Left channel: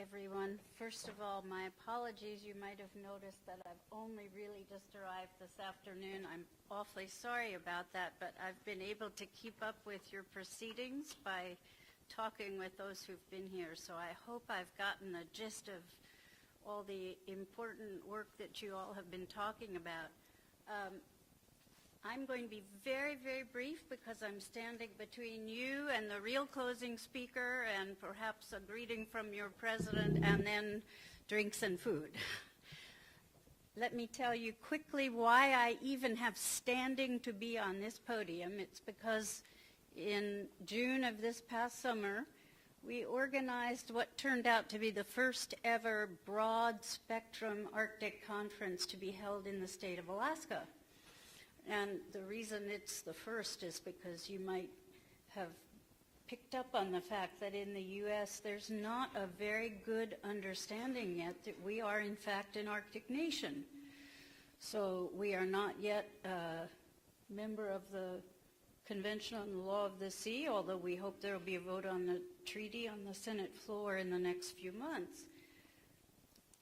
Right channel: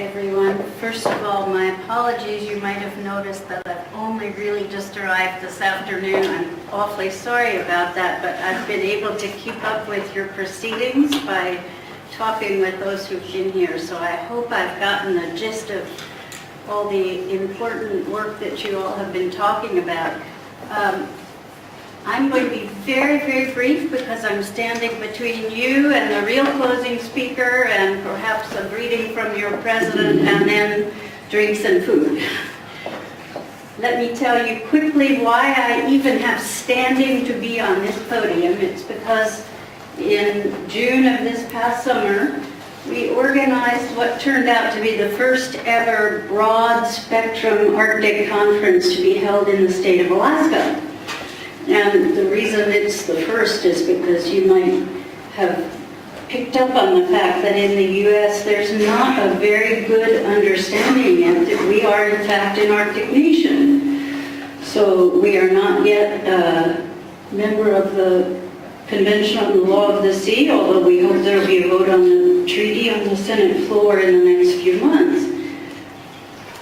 everyone. First of all, my apologies. You might have noticed that I've only really just arrived this afternoon. I'm awfully sorry about that, but I've been able to keep up with your proceedings by talking with those who've been here. So I hope I've gotten the gist of all the important work that you all have been talking about. I'm going to be very, very brief because I'm standing between you and the real closing speaker and perhaps a greeting from your president and then drinks and food. Let me tell you quickly why I even have standing to be on this podium. It's because in June of this past summer, we organized what turned out to be the first ever broad spectrum Arctic conference to be held in the state of Alaska. And the reason it's the first is because you might have picked up on the fact that in the U.S. there's not a very good understanding yet that we are in fact an Arctic nation. So we are not yet a member of the Convention on the Law of the Sea, although we hope there will be a vote on the treaty on the Senate floor in the next few months.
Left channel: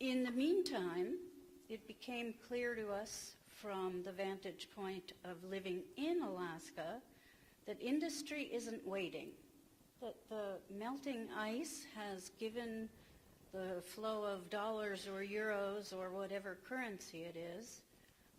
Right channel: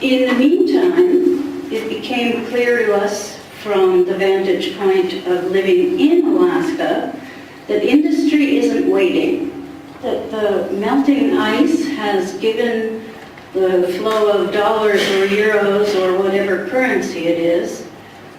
In the meantime, it became clear to us from the vantage point of living in Alaska that industry isn't waiting, that the melting ice has given the flow of dollars or euros or whatever currency it is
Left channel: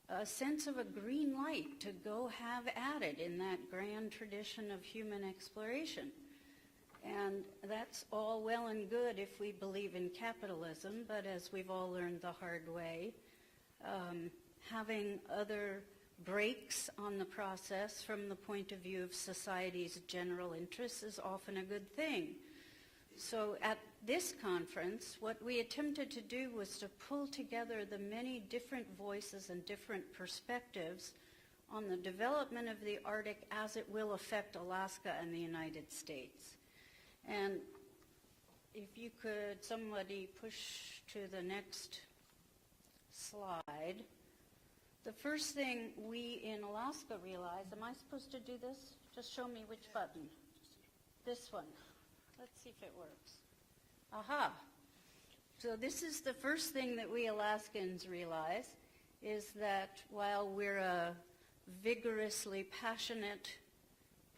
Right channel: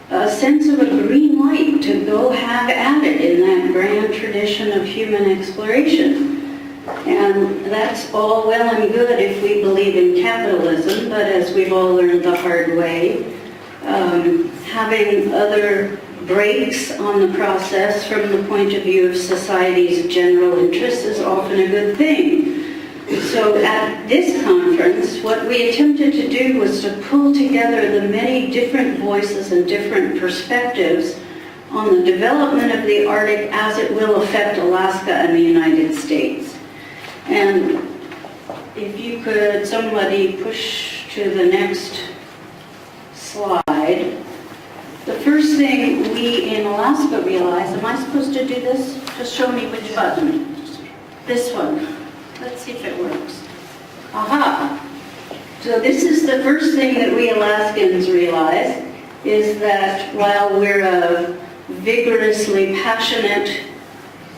a sense of a green light to go have at it in that grand tradition of human exploration. And that's all well and good if we believe in capitalism, but as we've all learned the hard way, having other breaks on the process from the point of view of society's general interests is often a good thing. So at this conference, what we attempted to do was to pull together the many different voices and different perspectives on the development of the Arctic as it will affect Alaska and the United States. And if you could, somebody push to the next slide. The first thing we in Alaska realized, am I supposed to do this? Just show me which button. This one. Let's see if it works. Aha! So this is the first thing that we Alaskans realize, is that while we're a vigorously passionate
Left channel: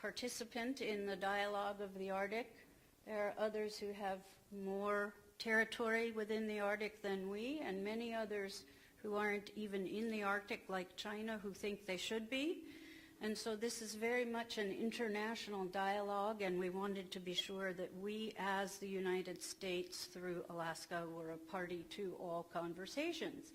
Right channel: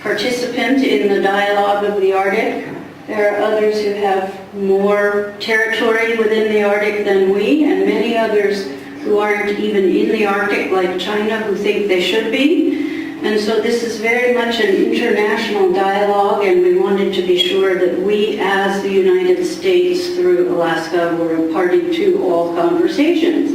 participant in the dialogue of the Arctic, there are others who have more territory within the Arctic than we, and many others who aren't even in the Arctic, like China, who think they should be. And so this is very much an international dialogue, and we wanted to be sure that we, as the United States through Alaska, were a party to all conversations.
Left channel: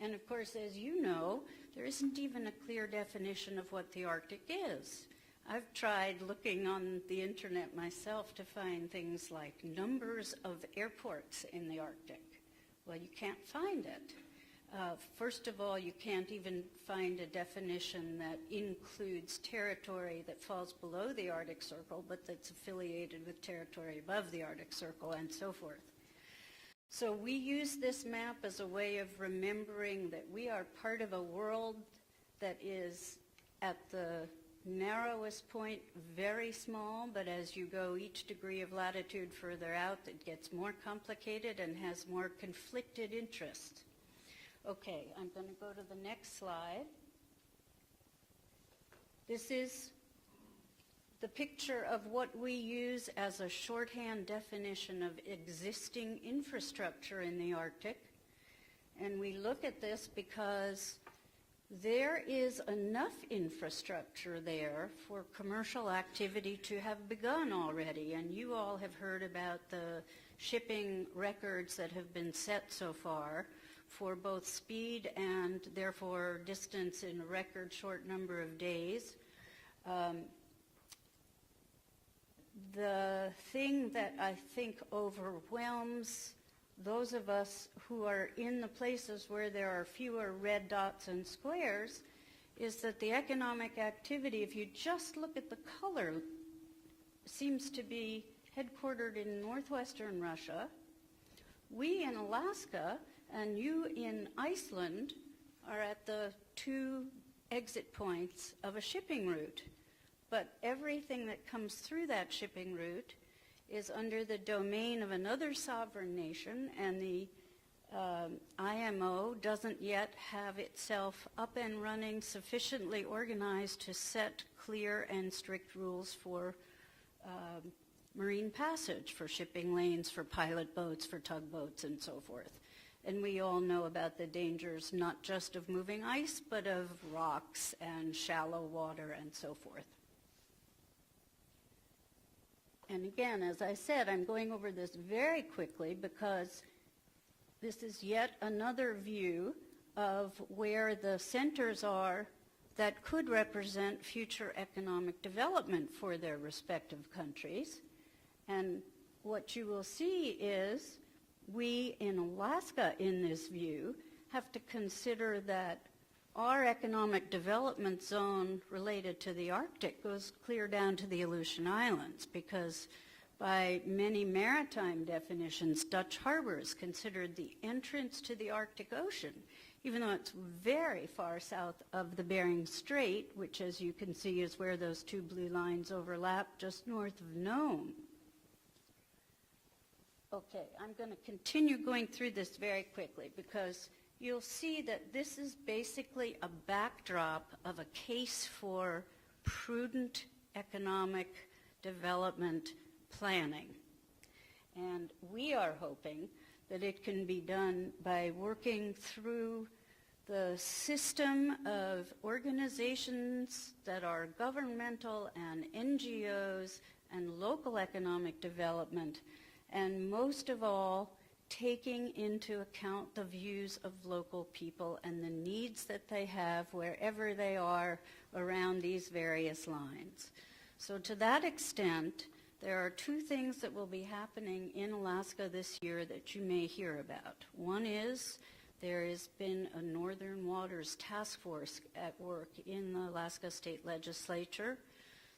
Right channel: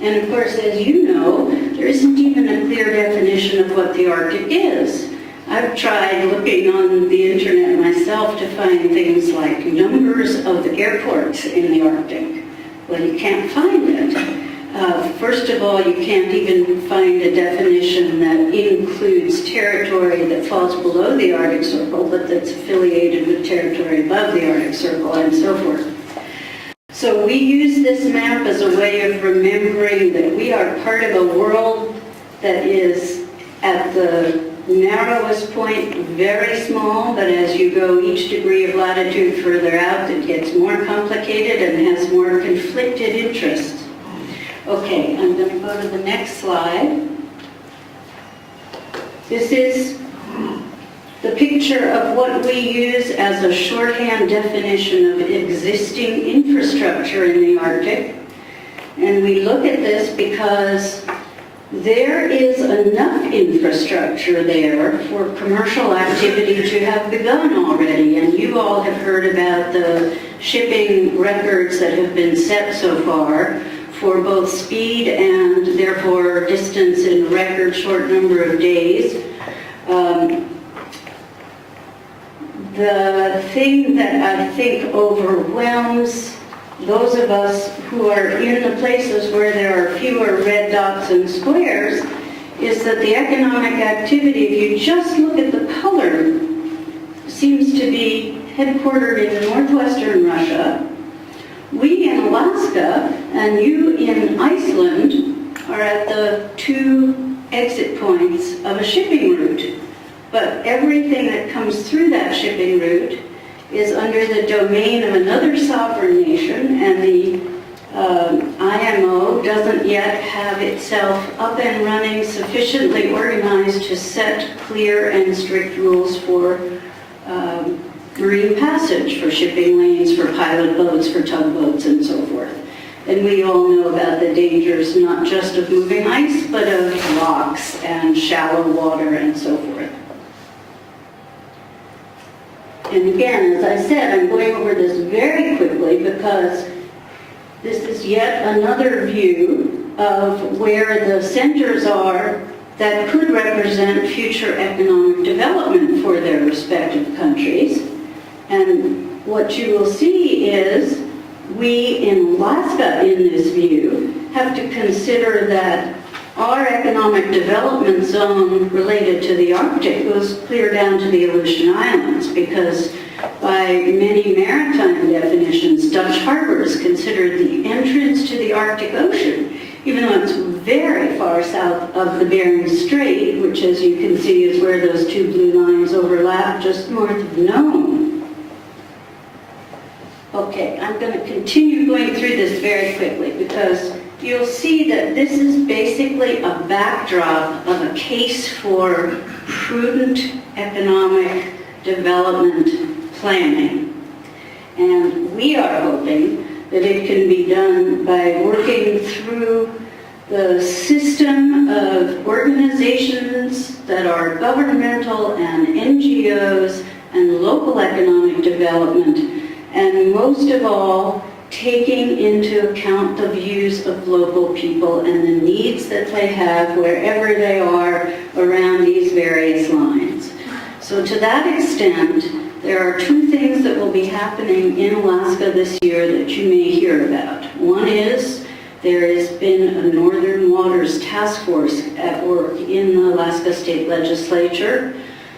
And of course, as you know, there isn't even a clear definition of what the Arctic is. I've tried looking on the internet myself to find things like numbers of airports in the Arctic. Well, you can't find it. First of all, you can't even find a definition that includes territory that falls below the Arctic Circle, but that's affiliated with territory above the Arctic Circle, and so forth. So we use this map as a way of remembering that we are part of a world that is at the narrowest point very small, but as you go each degree of latitude further out, it gets more complicated and has more conflicted interests. Okay, I'm going to go to the next slide. This is the picture of what we use as a shorthand definition of existing infrastructure in the Arctic. And we look at this because there is enough infrastructure there for commercial activity to have begun already. And you all have heard about the shipping records that have been set so far for both speed and therefore distance in a record short number of days. The thing that I think overwhelms those of us who are in the places where there are fewer red dots and squares is that the economic activity, if you just look at the color, seems to be headquartered in northwestern Russia. We in Alaska and you in Iceland are at the two exit points of a shipping route. But everything that comes through that shipping route is under the domain of another sovereign nation, and the IMO doesn't yet have itself up and running, sufficiently organized to set clear and strict rules for marine passage, for shipping lanes, for pilot boats, for tugboats, and so forth. And we all know about the dangers not just of moving ice, but of rocks and shallow water and so forth. And again, as I said, I'm going over this very quickly because this is yet another view of where the centers are that could represent future economic development for their respective countries. And what you will see is we in Alaska, in this view, have to consider that our economic development zone related to the Arctic goes clear down to the Aleutian Islands, because by many maritime definitions, Dutch Harbor is considered the entrance to the Arctic Ocean, even though it's very far south of the Bering Strait, which, as you can see, is where those two blue lines overlap just north of Nome. Okay, I'm going to continue going through this very quickly because you'll see that this is basically a backdrop of a case for prudent economic development planning. And we are hoping that it can be done by working through the system of organizations that are governmental and NGOs and local economic development, and most of all, taking into account the views of local people and the needs that they have wherever they are around these various lines. So to that extent, there are two things that will be happening in Alaska this year that you may hear about. One is there has been a Northern Waters Task Force at work in the Alaska State Legislature.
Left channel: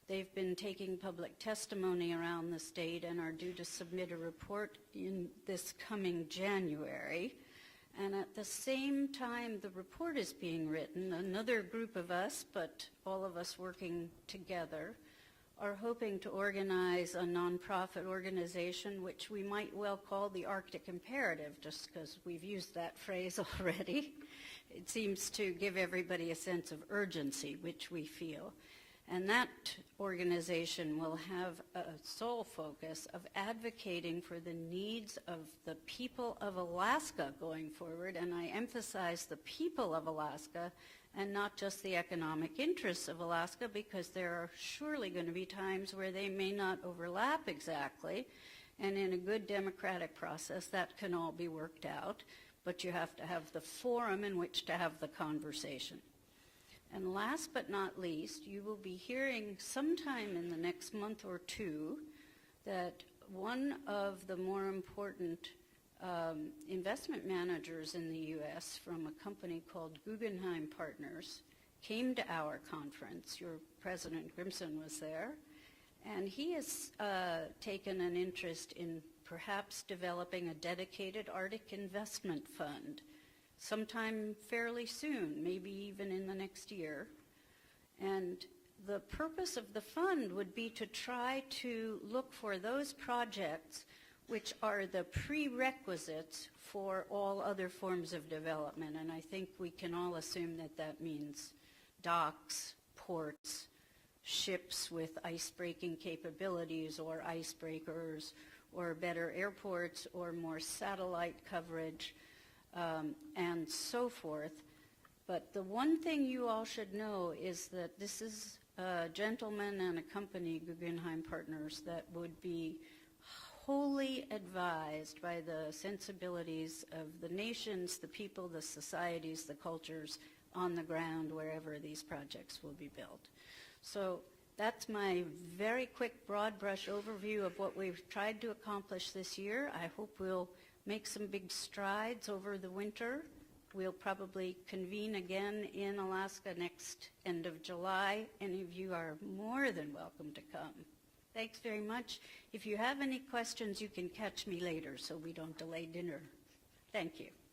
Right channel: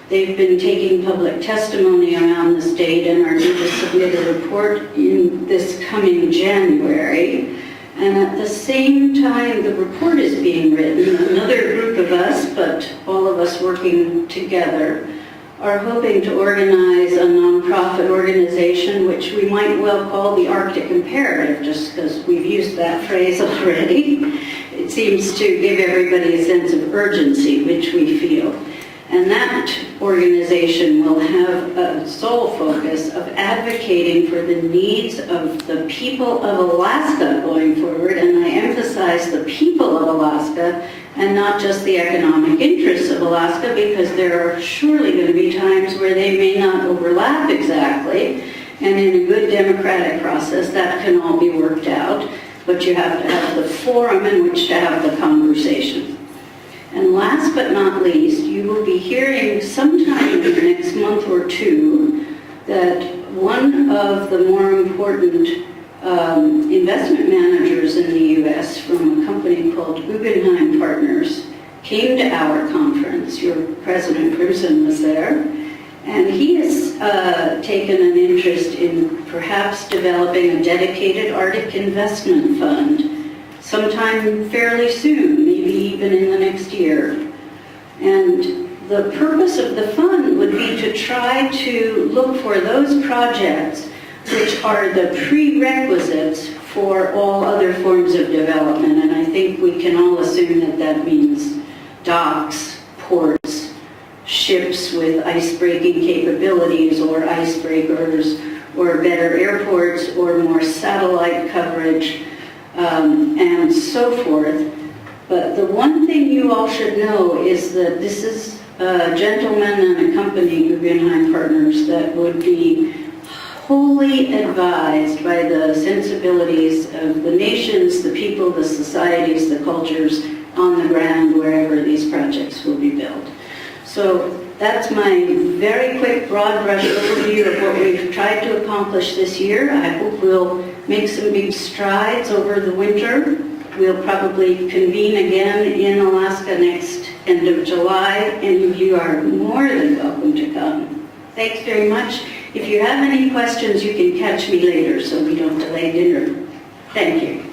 They've been taking public testimony around the state and are due to submit a report in this coming January. And at the same time the report is being written, another group of us, but all of us working together, are hoping to organize a nonprofit organization which we might well call the Arctic Imperative, just because we've used that phrase already. It seems to give everybody a sense of urgency, which we feel. And that organization will have a sole focus of advocating for the needs of the people of Alaska going forward, and I emphasize the people of Alaska and not just the economic interests of Alaska, because there are surely going to be times where they may not overlap exactly, and in a good democratic process that can all be worked out, but you have to have the forum in which to have the conversation. And last but not least, you will be hearing sometime in the next month or two that one of the more important investment managers in the U.S. from a company called Guggenheim Partners came to our conference. Your President Crimson was there. And he has taken an interest in perhaps developing a dedicated Arctic investment fund sometime fairly soon, maybe even in the next year. And the purpose of the fund would be to try to look for those projects which are the prerequisites for all other forms of development. And I think we can all assume that that means docks, ports, ships with ice-breaking capabilities or icebreakers, or better airports, or more satellite coverage, and so forth. But the one thing you all should know is that this is a gentleman and a company, Guggenheim Partners, that would be wholly advised by the sensibilities of the nations, the people, the societies, the cultures on the ground wherever these projects will be built. So that's my very quick, broad brush overview of what we've tried to accomplish this year. I hope we'll make some big strides over the winter. We'll probably convene again in Alaska next end of July, and you are more than welcome to come. Thanks very much. If you have any questions, you can catch me later so we don't delay dinner. Thank you.